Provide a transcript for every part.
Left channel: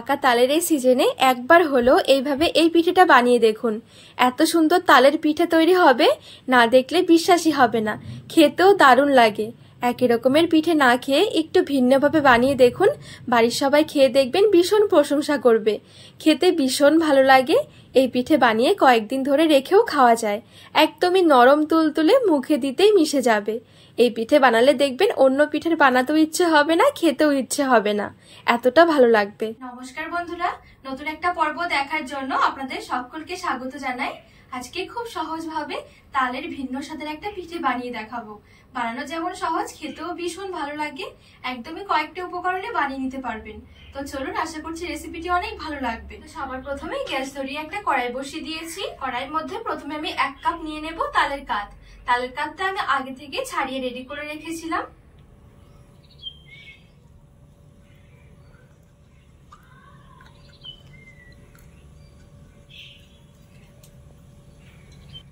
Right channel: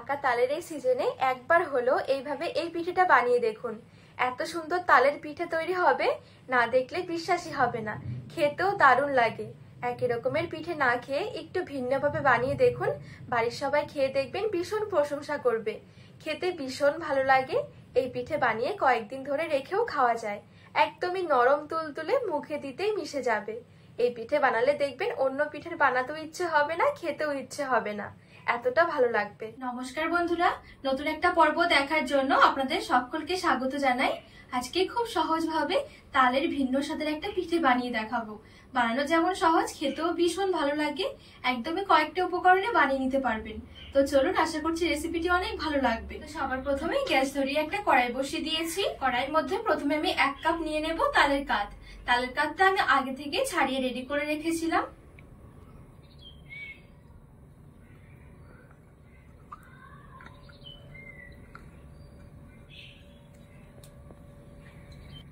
পাকা তালের এই সিজনে একবার হলো এইভাবে এই পিঠেটা বানিয়ে দেখুন। এত সুন্দর তালের পিঠে তৈরি হবে, না দেখলে বিশ্বাসই হবে না। খেতেও দারুণ লাগে। একই রকমের পিঠে না খেয়ে একটু ভিন্নভাবে বানিয়ে দেখুন। বাড়ির সবাই খেয়ে দেখবেন ভীষণ প্রশংসা করবে। খেতে ভীষণ ভালো লাগে। এই পিঠে বানিয়ে কয়েকদিন ধরে রেখেও খাওয়া যায়। একদমই নরম তুলতুলে, মুখে দিতেই মিশে যাবে। এই পিঠে বানালে দেখবেন অন্য পিঠের বানাতেও ইচ্ছে হবে না, খেতেও ইচ্ছে হবে না, এতটা ভালো লাগবে। নমস্কার বন্ধুরা, নতুন একটা পর্ব দেখার জন্য আপনাদের সকলকে স্বাগত জানাই। আজকে খুব সহজভাবে তালের ভিন্ন স্বাদের একটা পিঠে বানিয়ে দেখাবো। বানানো যেমন সহজ, খেতেও ভীষণ ভালো লাগে। একদমই কয়েকটা উপকরণে বানিয়ে নিতে পারবেন। তো চলুন, আশা করছি রেসিপিটি অনেক ভালো লাগবে। তো সবার প্রথমে গ্যাস ধরিয়ে একটা কড়াই বসিয়ে দিয়েছি। কড়াইয়ের মধ্যে প্রথমে আমি 1 কাপ নিয়ে নেব তালের কাঠ। তালের কাঠটা আমি আগে থেকে ছাড়িয়ে রেডি করে রেখেছিলাম।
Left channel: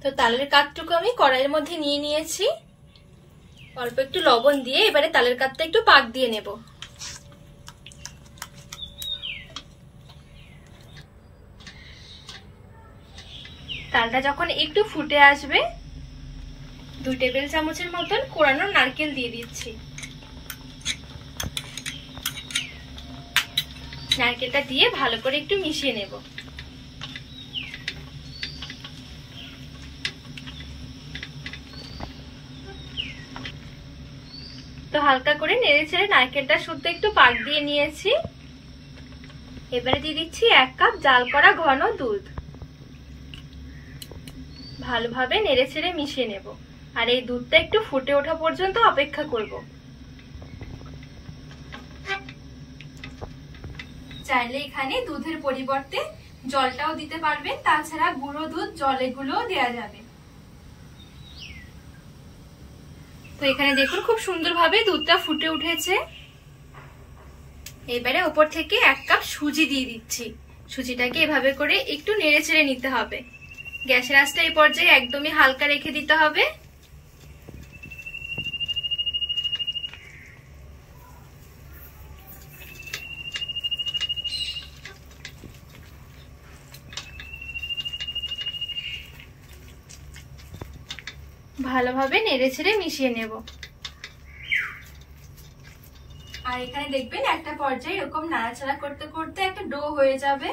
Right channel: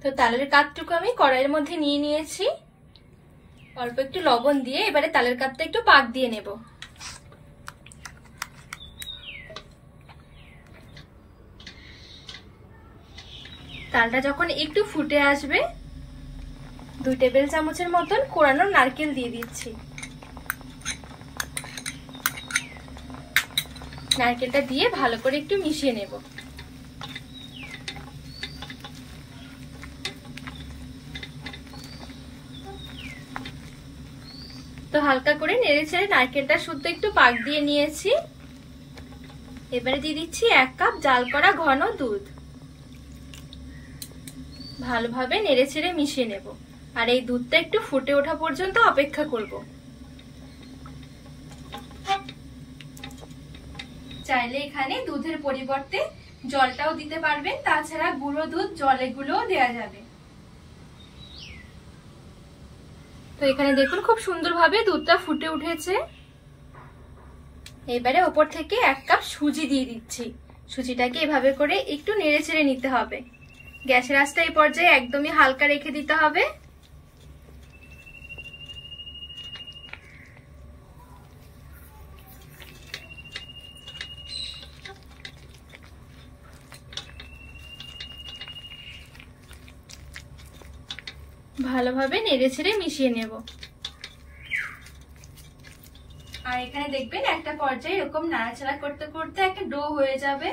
তো তালের কাঠটুকু আমি কড়াইয়ের মধ্যে নিয়ে নিয়েছি। অল্প একটু লবণ দিয়ে এবারে তালের কাঠটা একটু পাক দিয়ে নেব। তালটা যখন একটু ফুটে আসবে, 2 টেবিল চামচের মতন কোরানো নারকেল দিয়ে দিচ্ছি। নারকেলটা দিয়ে ভালো করে একটু মিশিয়ে নেব। তো হালকা করে নেড়ে ছেড়ে নারকেলটা শুদ্ধ একটু পাক দিয়ে নিয়েছি। এবারে দিয়ে দিচ্ছি 1 কাপ জাল করা ঘন দুধ। ভালোভাবে নেড়ে ছেড়ে মিশিয়ে নেব। আর এই দুধটা একটু ফুটে ওঠা পর্যন্ত অপেক্ষা করব। চাইলে এখানে দুধের পরিবর্তে জলটাও দিতে পারবেন, তাছাড়া গুঁড়ো দুধ জলে গুলোও দেওয়া যাবে। তো এখানে দেখুন খুব সুন্দরভাবে দুধটা ফুটে উঠেছে। এবারে উপর থেকে 1 কাপ সুজি দিয়ে দিচ্ছি। সুজিটাকে এভাবে করে একটু নেড়ে ছেড়ে নিতে হবে। গ্যাসের আঁচটা এই পর্যায়ে একদমই হালকা রেখে দিতে হবে। ভালোভাবে নেড়ে ছেড়ে মিশিয়ে নেব। আর এখানে দেখবেন একটা পর্যায়ে এরকম নাড়াচাড়া করতে করতে একটা ডো হয়ে যাবে।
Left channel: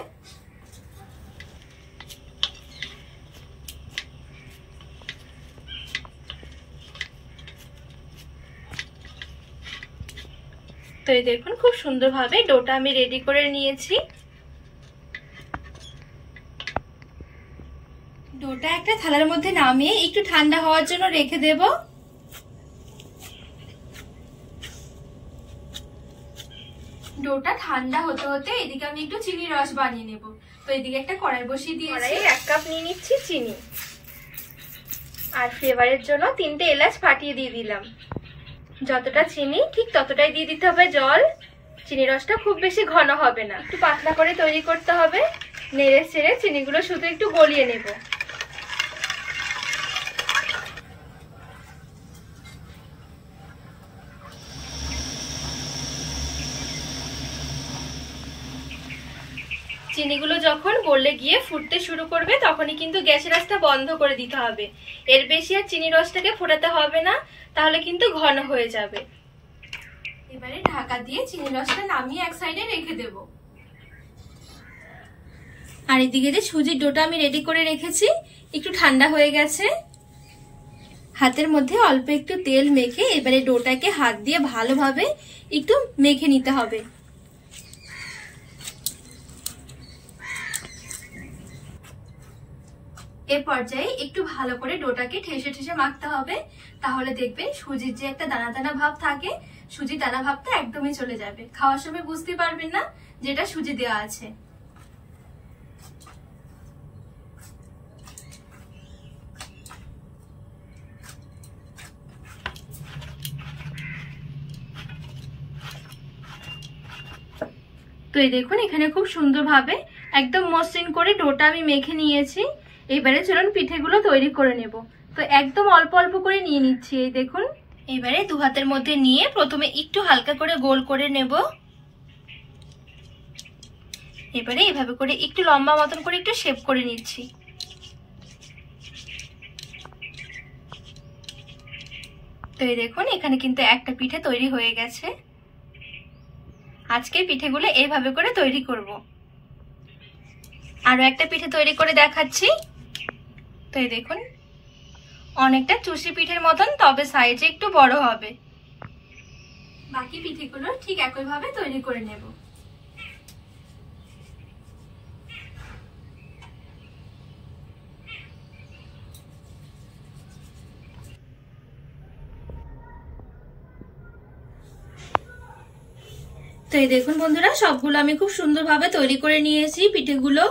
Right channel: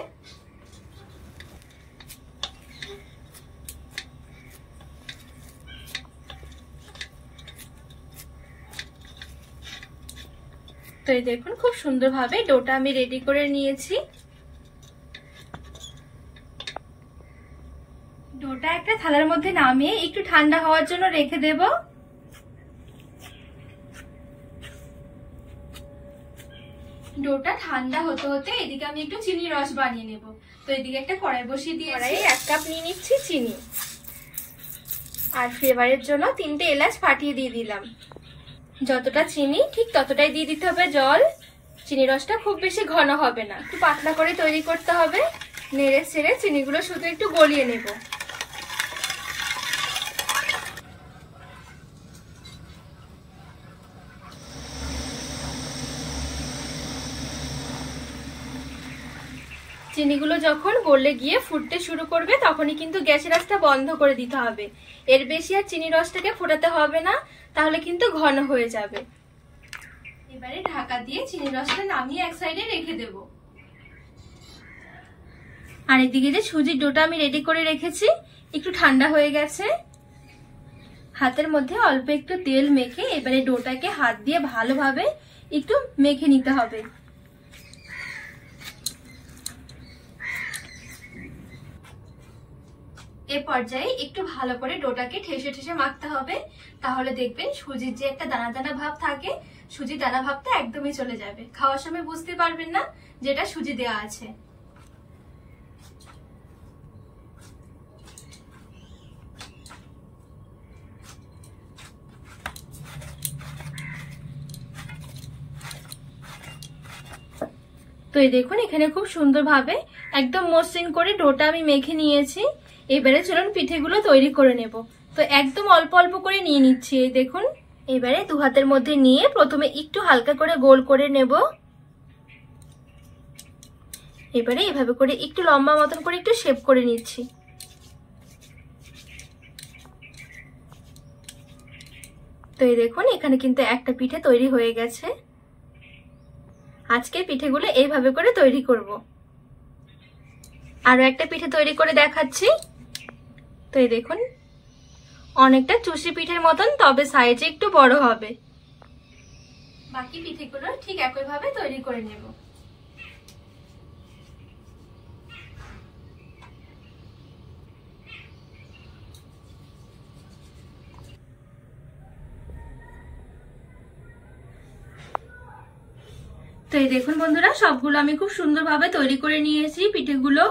তো এই দেখুন খুব সুন্দরভাবে ডোটা আমি রেডি করে নিয়েছি। ডোটা একটা থালার মধ্যে নামিয়ে একটু ঠান্ডা হওয়ার জন্য রেখে দেব। ডোটা ঠান্ডা হতে হতে এদিকে আমি একটু চিনির রস বানিয়ে নেব। তো এদিকে একটা কড়াই বসিয়ে দিয়েছি। কড়াইয়ে 1 কাপ নিয়ে নিচ্ছি চিনি। আর ফ্লেভারের জন্য 3টে এলাচ ফাটিয়ে দিয়ে দিলাম। যতটা চিনি ঠিক ততটাই দিয়ে দিতে হবে জল। চিনির রসটা খুব বেশি ঘন হবে না, একটু পাতলা করে তৈরি করতে হবে। নেড়ে ছেড়ে চিনিগুলো শুধু একটু গলিয়ে নেব। চিনিগুলো যখন গলে গিয়ে ফুটতে শুরু করবে, তখনই কিন্তু গ্যাসের আঁচটা বন্ধ করে দিতে হবে। এর বেশি আর চিনি রসটাকে ফোটাতে হবে না, তাহলে কিন্তু ঘন হয়ে যাবে। এবারে ঢাকা দিয়ে চিনি রসটা নামিয়ে এক সাইডে রেখে দেব। আর এদিকে যে সুজির ডোটা আমি রেডি করে রেখেছি, একটু ঠান্ডা হয়ে গেছে। হাতের মধ্যে অল্প একটু তেল মেখে এবারে ডোটাকে হাত দিয়ে ভালোভাবে একটু মেখে নিতে হবে। এ পর্যায়ে একটু ভালো করে ডোটাকে ঠেসে ঠেসে মাখতে হবে। তাহলে দেখবেন সুজির যে একটা দানা দানা ভাব থাকে, সুজির দানা ভাবটা একদমই চলে যাবে। খাওয়ার সময় বুঝতে পারবেন না যেটা সুজি দেওয়া আছে। তো এই দেখুন এখানে খুব সুন্দরভাবে একদম মসৃণ করে ডোটা আমি মেখে নিয়েছি। এবারে চলুন পিঠেগুলো তৈরি করে নেব। তো একদম অল্প অল্প করে নিয়ে নিচ্ছি। এই দেখুন এবারে 2 হাতের মধ্যে নিয়ে প্রথমে একটু হালকা করে গোল করে নেব। এবারে এভাবে করে একটু লম্বা মতন করে একটু শেপ করে নিচ্ছি। তো এই দেখুন এখানে কিন্তু একটা পিঠে তৈরি হয়ে গেছে। আজকে পিঠেগুলো এইভাবে করে তৈরি করব। আরো একটা পিঠে তৈরি করে দেখাচ্ছি। তো এই দেখুন অনেকটা চুষি পিঠের মতন, তবে সাইজে একটু বড় হবে। বাকি পিঠেগুলো ঠিক একইভাবে তৈরি করে নেব। তো এই দেখুন বন্ধুরা, সবগুলো আমি খুব সুন্দরভাবে তৈরি করে নিয়েছি পিঠেগুলো।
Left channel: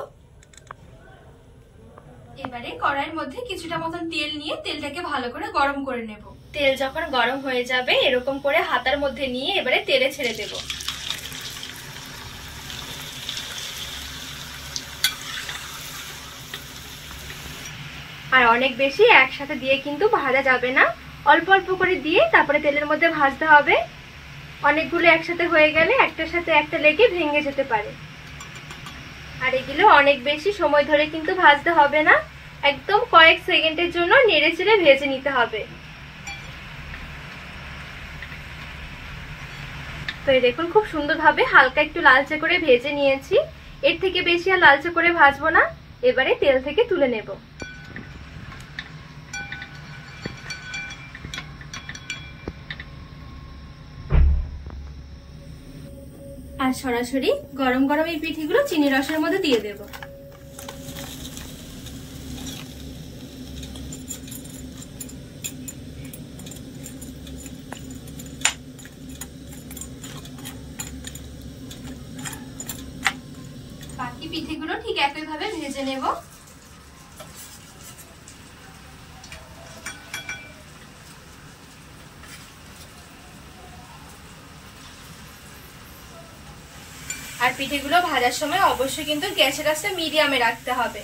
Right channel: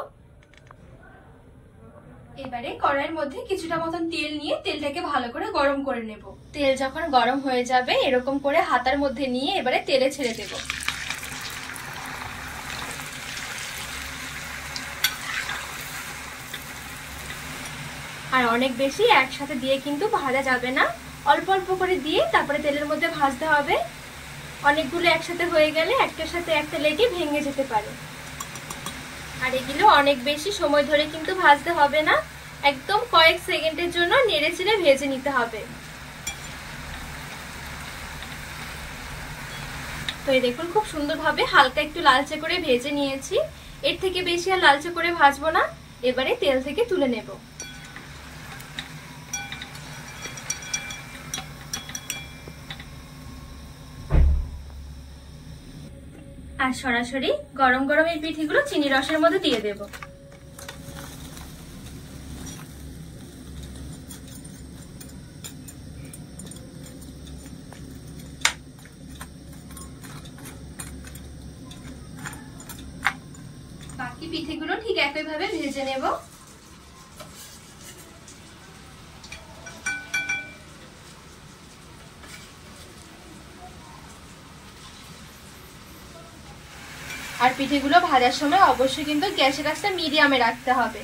এবারে কড়াইয়ের মধ্যে কিছুটা মতন তেল নিয়ে তেলটাকে ভালো করে গরম করে নেব। তেল যখন গরম হয়ে যাবে এরকম করে হাতার মধ্যে নিয়ে এবারে তেলে ছেড়ে দেব। আর অনেক বেশি একসাথে দিয়ে কিন্তু ভাজা যাবে না, অল্প অল্প করে দিয়ে তারপরে তেলের মধ্যে ভাজতে হবে। অনেকগুলো একসাথে হয়ে গেলে একটার সাথে একটা লেগে ভেঙে যেতে পারে। আর এগুলো অনেক বেশি সময় ধরে কিন্তু ভাজতে হবে না, একদম কয়েক সেকেন্ডের জন্য নেড়ে চেড়ে ভেজে নিতে হবে। তো এই দেখুন খুব সুন্দরভাবে হালকা একটু লালচে করে ভেজে নিয়েছি। এর থেকে বেশি আর লালচে করে ভাজবো না। এবারে তেল থেকে তুলে নেব। আর সরাসরি গরম গরম এই পিঠেগুলো চিনি রসের মধ্যে দিয়ে দেব। বাকি পিঠেগুলো ঠিক একইভাবে ভেজে নেব। আর পিঠেগুলো ভাজার সময় অবশ্যই কিন্তু গ্যাসের আঁচটা মিডিয়ামে রাখতে হবে।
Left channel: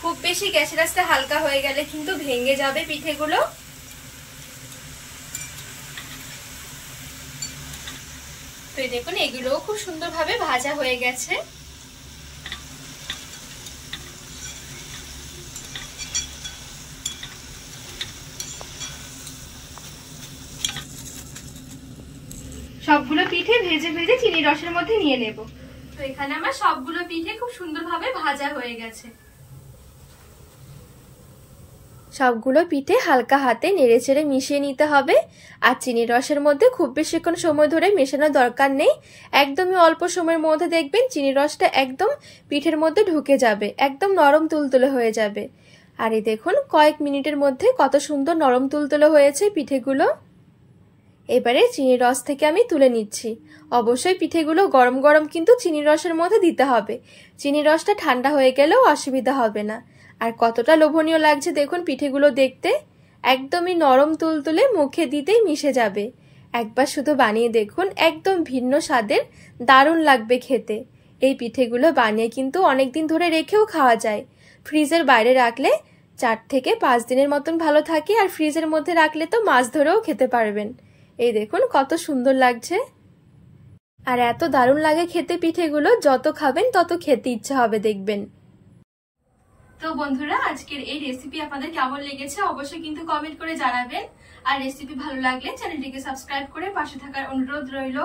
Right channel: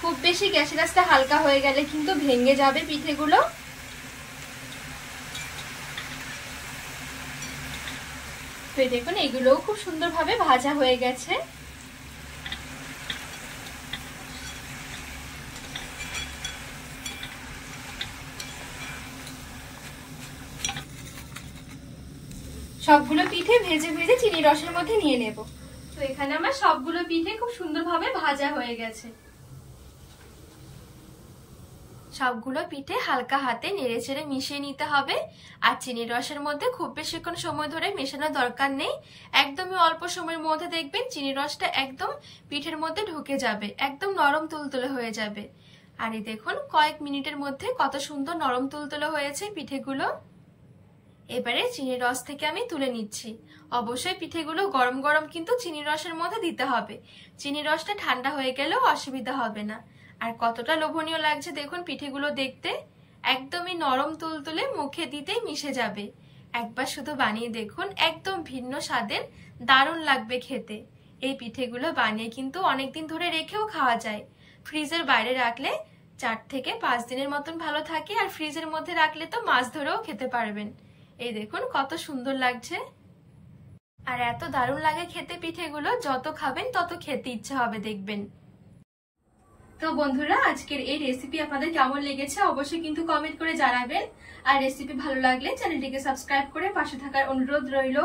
খুব বেশি গ্যাসের আঁচটা হালকা হয়ে গেলে কিন্তু ভেঙে যাবে পিঠেগুলো। তো দেখুন এগুলোও খুব সুন্দরভাবে ভাজা হয়ে গেছে। সবগুলো পিঠে ভেজে ভেজে চিনি রসের মধ্যে নিয়ে নেব। তো এখানে আমার সবগুলো পিঠে খুব সুন্দরভাবে ভাজা হয়ে গেছে। সবগুলো পিঠে হালকা হাতে নেড়েচেড়ে মিশিয়ে নিতে হবে। আর চিনির রসের মধ্যে খুব বেশিক্ষণ সময় ধরে মেশানোর দরকার নেই, একদমই অল্প সময়ের মধ্যে দেখবেন চিনির রসটা একদম পিঠের মধ্যে ঢুকে যাবে, একদম নরম তুলতুলে হয়ে যাবে। আর এই দেখুন কয়েক মিনিটের মধ্যে কত সুন্দর নরম তুলতুলে হয়েছে পিঠেগুলো। এবারে চিনির রস থেকে আমি তুলে নিচ্ছি। অবশ্যই পিঠেগুলো গরম গরম কিন্তু চিনির রসের মধ্যে দিতে হবে, চিনির রসটা ঠান্ডা হয়ে গেলেও অসুবিধা হবে না। আর কতটা লোভনীয় লাগছে দেখুন পিঠেগুলো দেখতে, একদমই নরম তুলতুলে, মুখে দিতেই মিশে যাবে। একবার শুধু বানিয়ে দেখুন, একদম ভিন্ন স্বাদের, দারুণ লাগবে খেতে। এই পিঠেগুলো বানিয়ে কিন্তু অনেকদিন ধরে রেখেও খাওয়া যায়। ফ্রিজের বাইরে রাখলে 4 থেকে 5 দিনের মতন ভালো থাকে, আর ফ্রিজের মধ্যে রাখলে তো মাস ধরেও খেতে পারবেন। এই দেখুন কত সুন্দর লাগছে, আর এত দারুণ লাগে খেতে পিঠেগুলো, যত খাবেন তত খেতে ইচ্ছে হবে দেখবেন। তো বন্ধুরা আজকের এই রেসিপি আপনাদের কেমন লেগেছে অবশ্যই কিন্তু কমেন্ট করে জানাবেন। আর রেসিপি ভালো লাগলে চ্যানেলটিকে সাবস্ক্রাইব করে পাশে থাকার অনুরোধ রইল।